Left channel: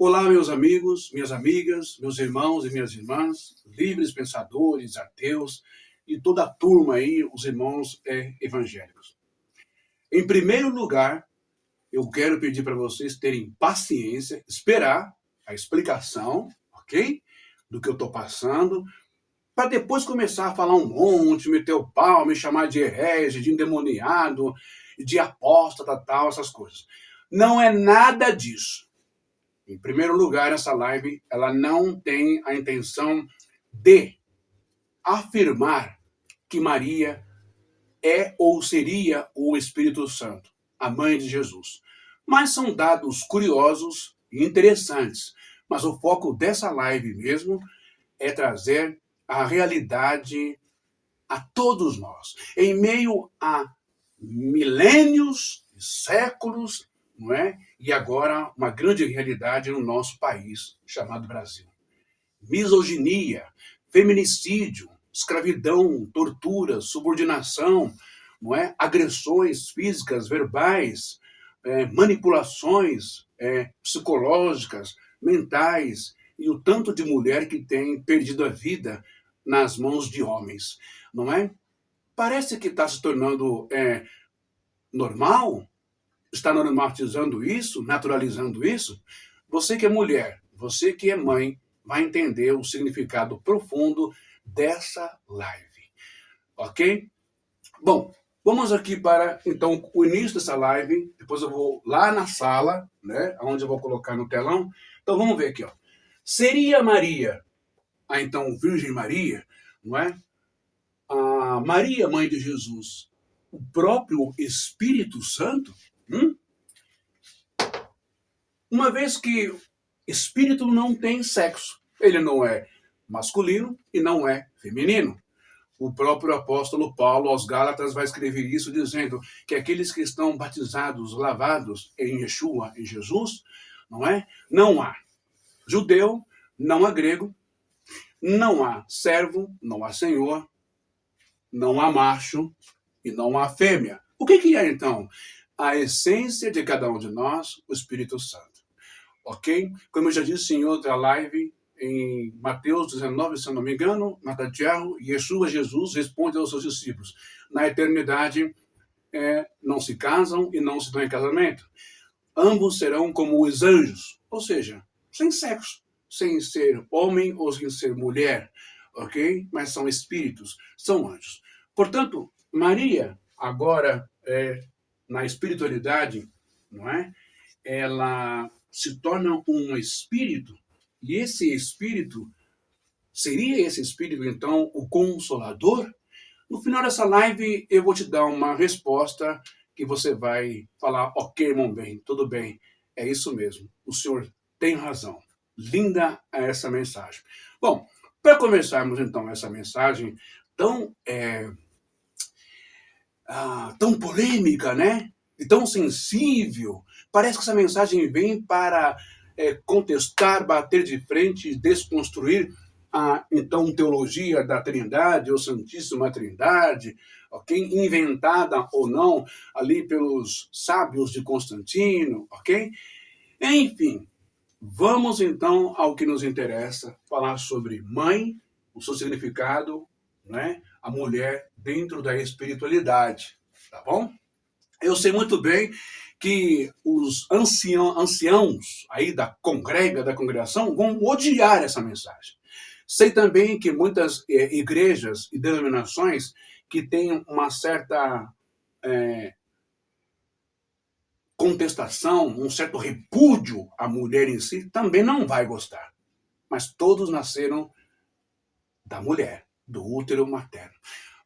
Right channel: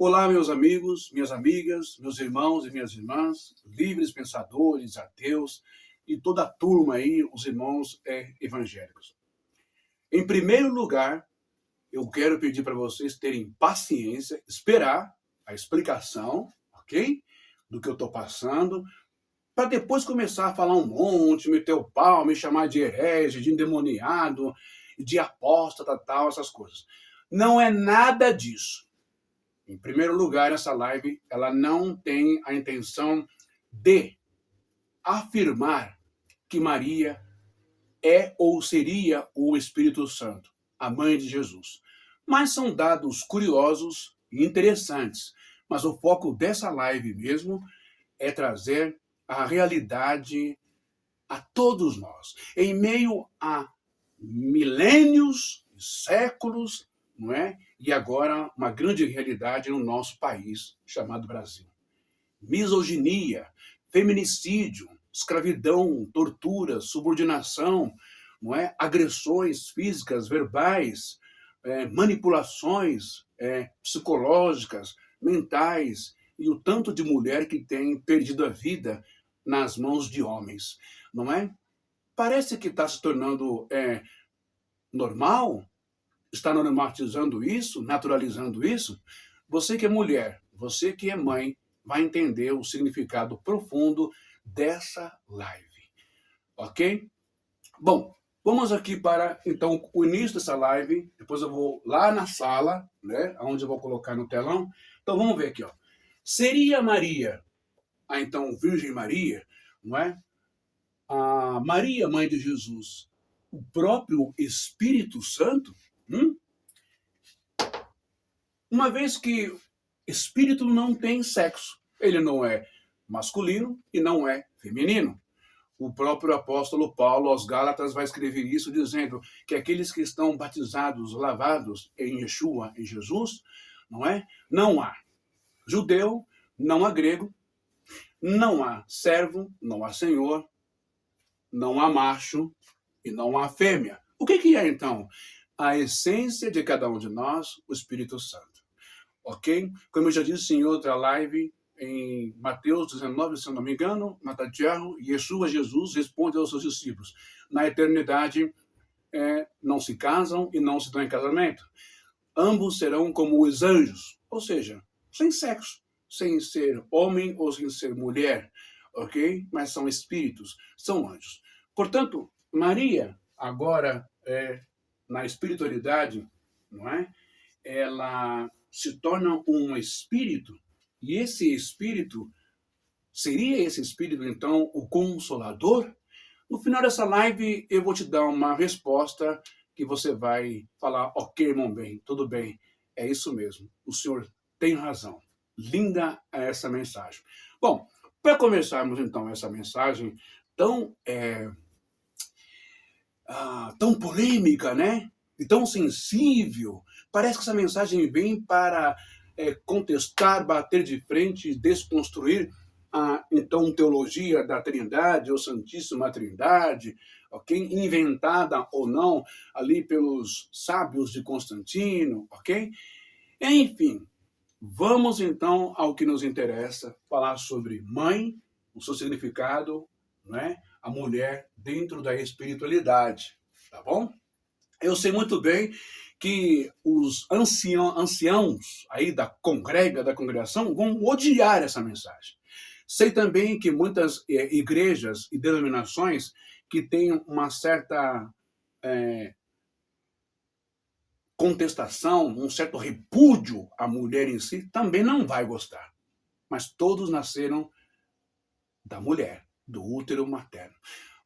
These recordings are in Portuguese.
Olá, meus amigos, minhas amigas, meus irmãos e minhas irmãs, livres pensadores, ateus e toda a turma aí, os irmãos evangélicos. Em primeiro lugar, eu quero pedir para vocês terem paciência, esperar a explicação, ok? Do que eu estou passando, para depois começar a falar um monte, meter o pau, me chamar de herege, de endemoniado, de apóstata, tal, essas coisas. Não é nada disso. Em primeiro lugar, essa live ela não tem a intenção de afirmar que Maria é ou seria o Espírito Santo, a mãe de Jesus. Mas são dados curiosos e interessantes. Mas o foco dessa live mesmo é trazer a realidade a todos nós. Em meio a milênios, séculos, não é? E agora uma grande realidade no nosso país, chamado Brasil. Misoginia, feminicídio, escravidão, tortura, subordinação, não é? Agressões físicas, verbais, manipulações psicológicas, mentais, e o tanto de mulher que tem perdido a vida nas mãos de homens, não é? Parece que está se tornando normal, está normatizando isso, naturalizando isso. Você que é mulher, você que é mãe, vai entender o significado profundo dessa live, ok? Bom, vamos aqui para, então, o início dessa live, depois eu vou lá na sala, né, onde eu vou colocar no telão. Então vamos ver aqui, ó. Seria Maria, então, Virgem Maria, não é? A Maria, mãe de Jesus, o próprio Espírito Santo? Uma vez que espírito não tem sexo, ele não é masculino e não é feminino. O próprio apóstolo Paulo aos Gálatas vai escrever isso dizendo que aqueles que estão batizados, lavados em Yeshua, em Jesus, não é? Não há judeu, não há grego, não há servo, não há senhor, não há macho e não há fêmea. O que é, então? A essência de cada um de nós, o Espírito Santo. Ok? Como eu já disse em outra live, em Mateus 19, se eu não me engano, Matatiahu, Yeshua, Jesus, responde aos seus discípulos: na eternidade não se casam e não se dão em casamento. Ambos serão como os anjos, ou seja, sem sexo, sem ser homem ou sem ser mulher, ok? Mas são espíritos, são anjos. Portanto, Maria, agora, na espiritualidade, não é? Ela se torna um espírito, e esse espírito, seria esse espírito, então, o Consolador? No final dessa live, eu vou te dar uma resposta que você vai falar: ok, irmão bem, tudo bem, é isso mesmo, o senhor tem razão. Linda essa mensagem. Bom, para começarmos, então, essa mensagem tão, tão polêmica, né? E tão sensível. Parece que essa mensagem vem para contestar, bater de frente, desconstruir a, então, teologia da Trindade, ou Santíssima Trindade, ok? Inventada ou não ali pelos sábios de Constantino, ok? Enfim, vamos então ao que nos interessa, falar sobre mãe, o seu significado, né? A mulher dentro da espiritualidade, tá bom? Eu sei muito bem que os anciãos aí da congregação, vão odiar essa mensagem. Sei também que muitas igrejas e denominações que têm uma certa contestação, um certo repúdio à mulher em si, também não vai gostar. Mas todos nasceram da mulher, do útero materno,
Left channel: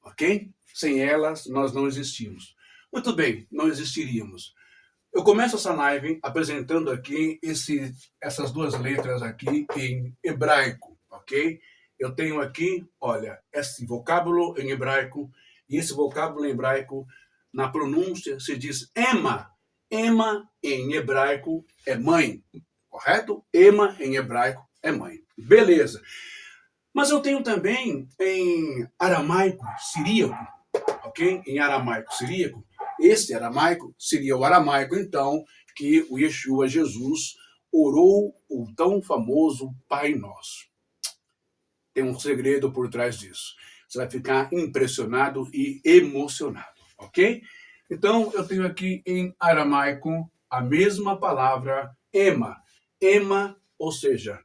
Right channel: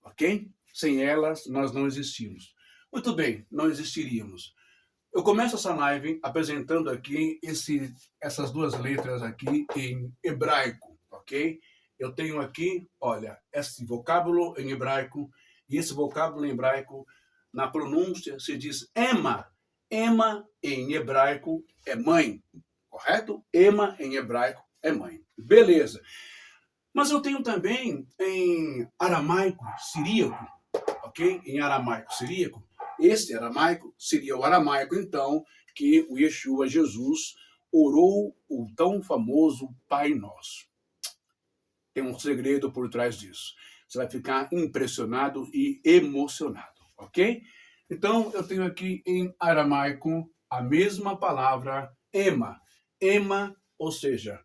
ok? Sem elas, nós não existimos. Muito bem, não existiríamos. Eu começo essa live apresentando aqui essas duas letras aqui em hebraico, ok? Eu tenho aqui, olha, esse vocábulo em hebraico, e esse vocábulo em hebraico, na pronúncia, se diz Ema. Ema em hebraico é mãe, correto? Ema em hebraico é mãe. Beleza. Mas eu tenho também em aramaico siríaco, ok? Em aramaico siríaco. Esse aramaico seria o aramaico, então, que o Yeshua, Jesus, orou o tão famoso Pai Nosso. Tem um segredo por trás disso. Você vai ficar impressionado e emocionado, ok? Então, eu tenho aqui em aramaico a mesma palavra ema. Ema, ou seja,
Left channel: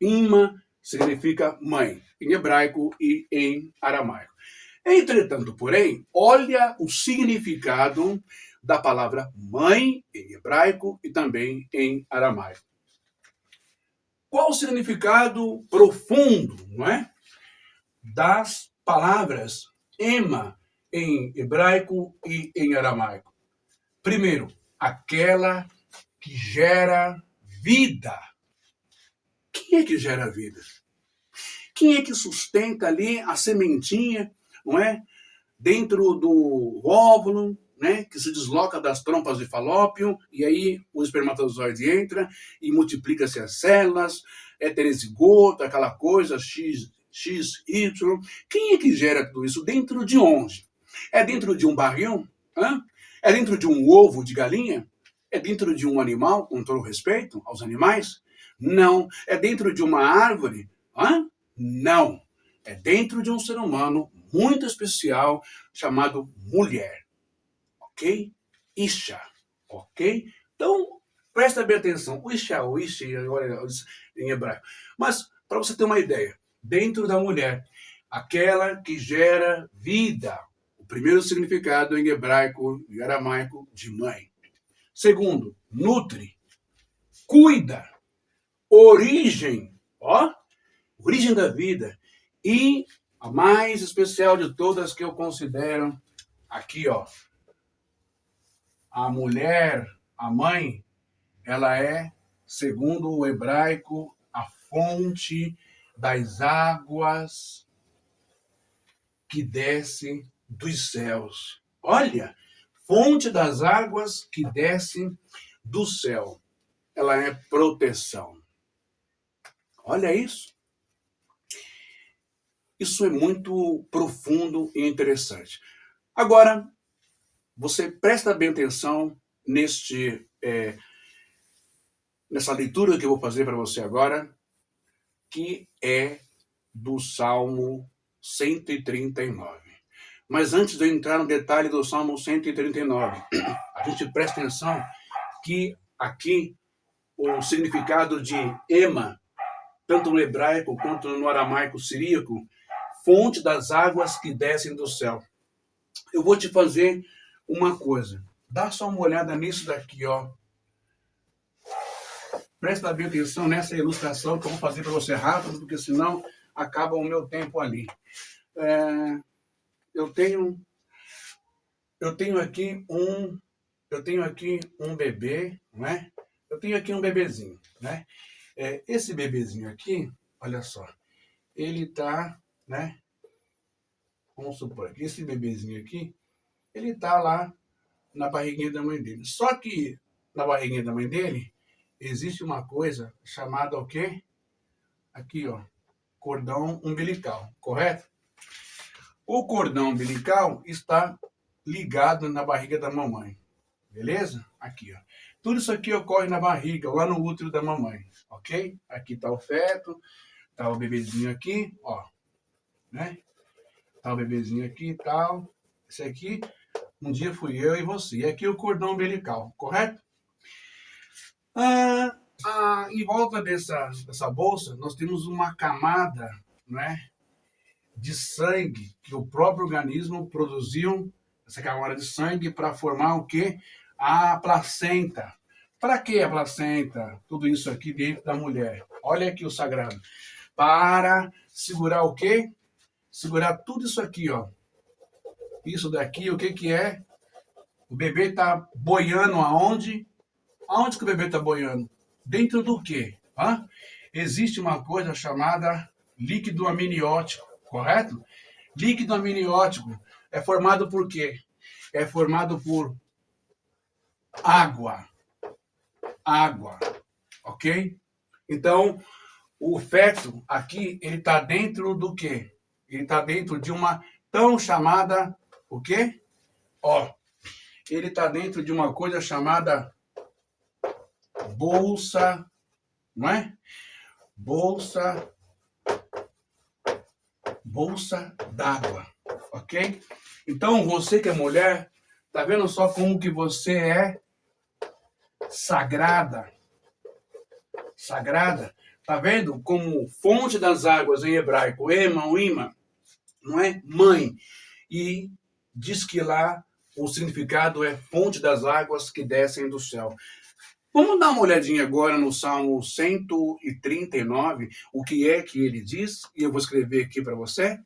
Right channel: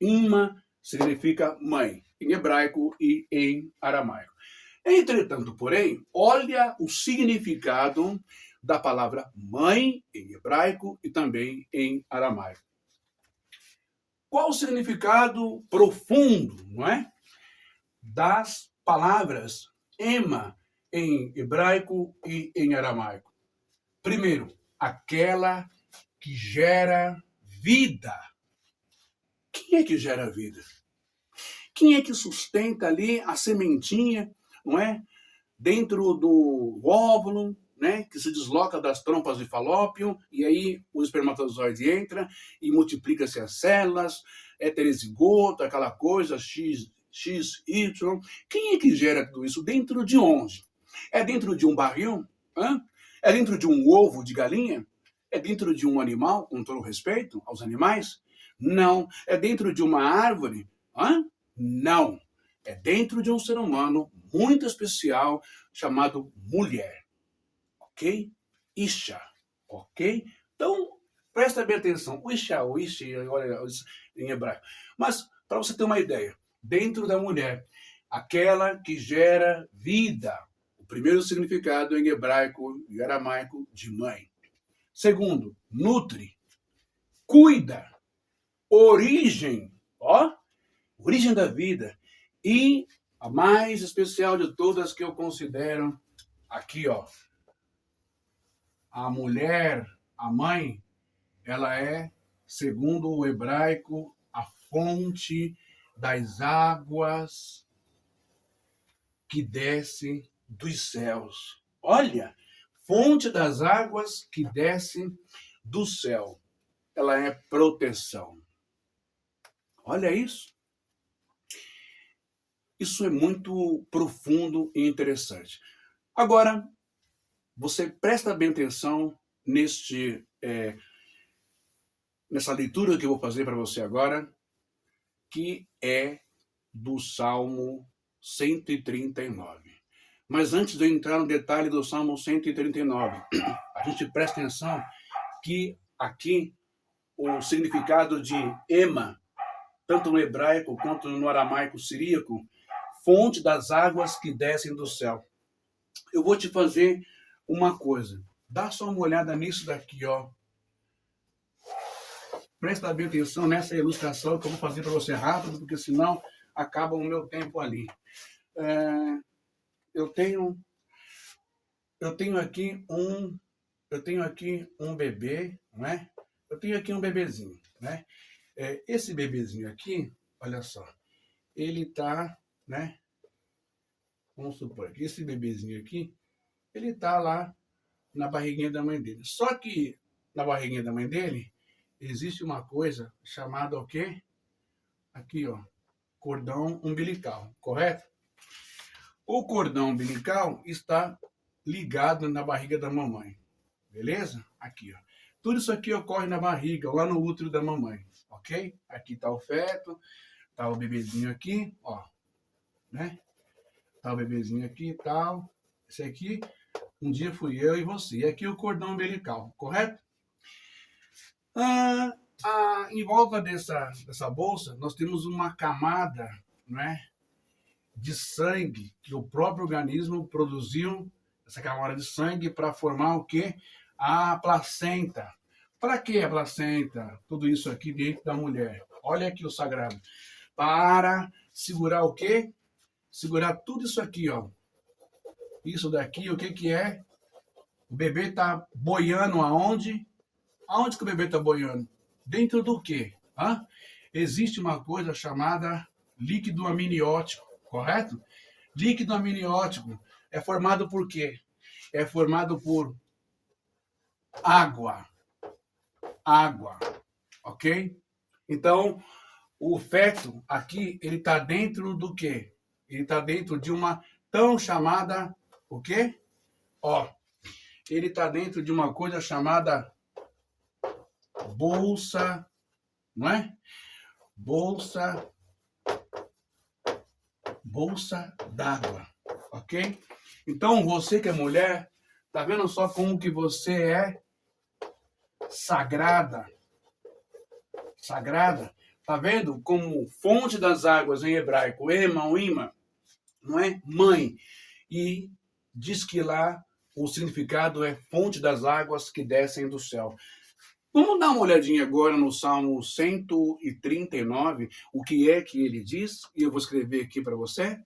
Ima significa mãe, em hebraico e em aramaico. Entretanto, porém, olha o significado da palavra mãe em hebraico e também em aramaico. Qual o significado profundo, não é, das palavras ema em hebraico e em aramaico? Primeiro, aquela que gera vida. Quem é que gera vida? Quem é que sustenta ali a sementinha, não é? Dentro do óvulo, né? Que se desloca das trompas de Falópio, e aí o espermatozoide entra e multiplica-se as células, heterozigoto, aquela coisa, X, Y. Quem é que gera tudo isso? Dentro de onde? É dentro de um barril? Hã? É dentro de um ovo de galinha? É dentro de um animal, com todo respeito aos animais? Não. É dentro de uma árvore? Hã? Não. É dentro de um ser humano muito especial chamado mulher. Ok? Isha. Ok? Então, presta bem atenção. O Isha, o Isha, olha, em hebraico. Mas, para você ter uma ideia, dentro da mulher, aquela que gera vida. O primeiro significado em hebraico e aramaico de mãe. Segundo, nutre, cuida, origem, ó, origem da vida. E a mais especial de todas que eu considero aqui, ó, a mulher, a mãe, ela é, segundo o hebraico, a fonte das águas que descem dos céus. Olha, fonte das águas que descem do céu. Ela é proteção. Olha isso. Isso é muito profundo e interessante. Agora, você presta bem atenção nessa leitura que eu vou fazer para você agora, que é do Salmo 139. Mas antes de eu entrar no detalhe do Salmo 139, a gente presta atenção que aqui o significado de ema, tanto no hebraico quanto no aramaico siríaco, fonte das águas que descem do céu. Eu vou te fazer uma coisa. Dá só uma olhada nisso daqui, ó. Presta bem atenção nessa ilustração que eu vou fazer para você rápido, porque senão acaba o meu tempo ali. Eu tenho aqui um bebê, não é? Eu tenho aqui um bebezinho, né? Esse bebezinho aqui, olha só, ele tá, né? Vamos supor que esse bebezinho aqui, ele tá lá na barriguinha da mãe dele. Só que na barriguinha da mãe dele existe uma coisa chamada o quê? Aqui, ó, cordão umbilical, correto? O cordão umbilical está ligado na barriga da mamãe, beleza? Aqui, ó. Tudo isso aqui ocorre na barriga, lá no útero da mamãe, ok? Aqui tá o feto, tá o bebezinho aqui, ó, né? Tá o bebezinho aqui e tal. Esse aqui, um dia fui eu e você. E aqui o cordão umbilical, correto? Em volta dessa bolsa, nós temos uma camada, né, de sangue que o próprio organismo produziu, essa camada de sangue, para formar o quê? A placenta. Para que a placenta? Tudo isso aqui dentro da mulher. Olha aqui o sagrado. Para segurar o quê? Segurar tudo isso aqui, ó. Isso daqui, o que que é? O bebê está boiando aonde? Aonde que o bebê está boiando? Dentro do quê? Existe uma coisa chamada líquido amniótico, correto? Líquido amniótico é formado por quê? É formado por água. Água, ok? Então, o feto aqui, ele está dentro do quê? Ele está dentro de uma tão chamada, o quê? Ó, ele está dentro de uma coisa chamada bolsa, não é? Bolsa d'água, ok? Então, você que é mulher, tá vendo só como que você é sagrada? Sagrada. Tá vendo como fonte das águas em hebraico, ema, ou ima, não é? Mãe. E diz que lá o significado é fonte das águas que descem do céu. Vamos dar uma olhadinha agora no Salmo 139, o que é que ele diz, e eu vou escrever aqui para você.